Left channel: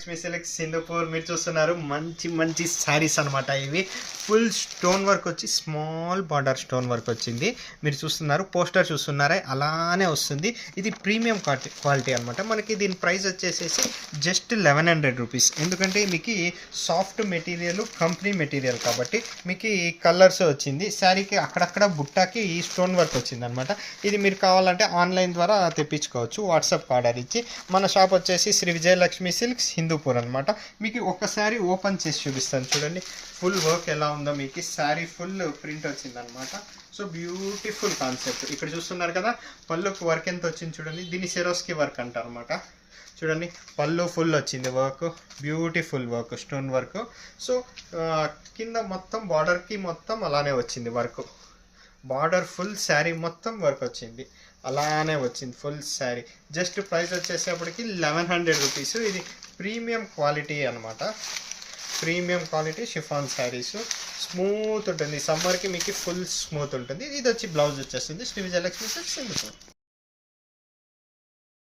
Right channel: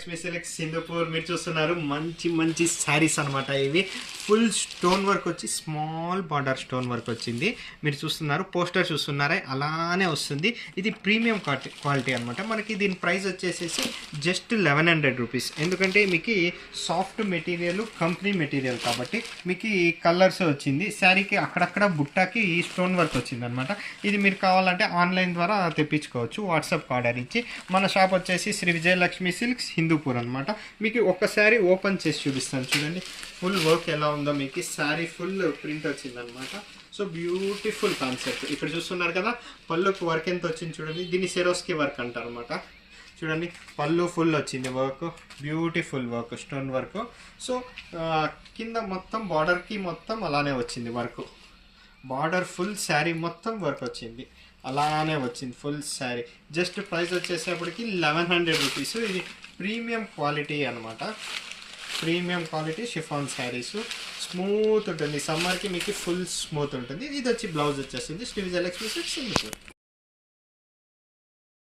Lakshmi silks Singapore మీరు చూస్తున్నారు మంచి మంచి శారీస్ అనమాట. ఇవి ఫుల్ స్టోన్ వర్క్ వచ్చి స్మాల్ బార్డర్ స్టోన్ వర్క్ వచ్చింది. మీరు చూస్తున్నారు పోస్టర్ చూస్తున్నారా, అలానే వస్తుంది. ఇది ప్రీమియం క్వాలిటీ అనమాట. మనకి దీని ప్రైస్ వచ్చేసేసి జస్ట్ 1100 రూపీస్. ఎందుకంటే మీకు సాఫ్ట్ మెటీరియల్, కంపెనీ మెటీరియల్ కాబట్టి మీకు ఈ కలర్స్ వచ్చింది. శారీకి అక్కడక్కడ బుట్టాకి స్టోన్ వర్క్ వచ్చింది అనమాట. ఇది మీరు కావాలంటే ఆన్లైన్ ద్వారా తెప్పించుకోవచ్చు, వాట్సాప్ ఆర్డర్ ఇచ్చి. మన షాప్ వచ్చేసి శ్రీ విజయలక్ష్మి సిల్క్స్ హిందూపూర్ అనమాట. మీకు ఒక్కసారి ఓపెన్ చేసి చూపిస్తాను చూడండి ఫుల్ వర్క్ ఎలా ఉందో. మీకు శారీ ఫుల్ ప్రింట్ వచ్చిందనమాట. So beautiful concept. ఇక్కడ చూస్తున్నారు కదా, పళ్ళుకు వర్క్ ఎంత వచ్చింది చూడండి. దీన్ని సెరోస్కి వర్క్ అంటారు అనమాట. చూడండి పళ్ళు ఫుల్ వచ్చింది work, beautiful work, stone work. So కింద మొత్తం బార్డర్కి మొత్తం అలానే వచ్చింది వర్క్. బార్డర్ ఫుల్ శారీ మొత్తం వర్క్ వచ్చింది, అలానే వచ్చింది ఫుల్ శారీ. జస్ట్ ప్రైస్ వచ్చేసేపటికి 1100 రూపీస్. ఇది ప్రీమియం క్వాలిటీ అనమాట. Premium quality chiffon saris. Smooth ఉంటుంది, సమ్మర్కి మీకు ఫుల్ స్మూత్ ఉంటుంది. ఇది వచ్చి బ్లౌజ్ వచ్చేస్తుంది శ్రీ విజయలక్ష్మి సిల్క్స్.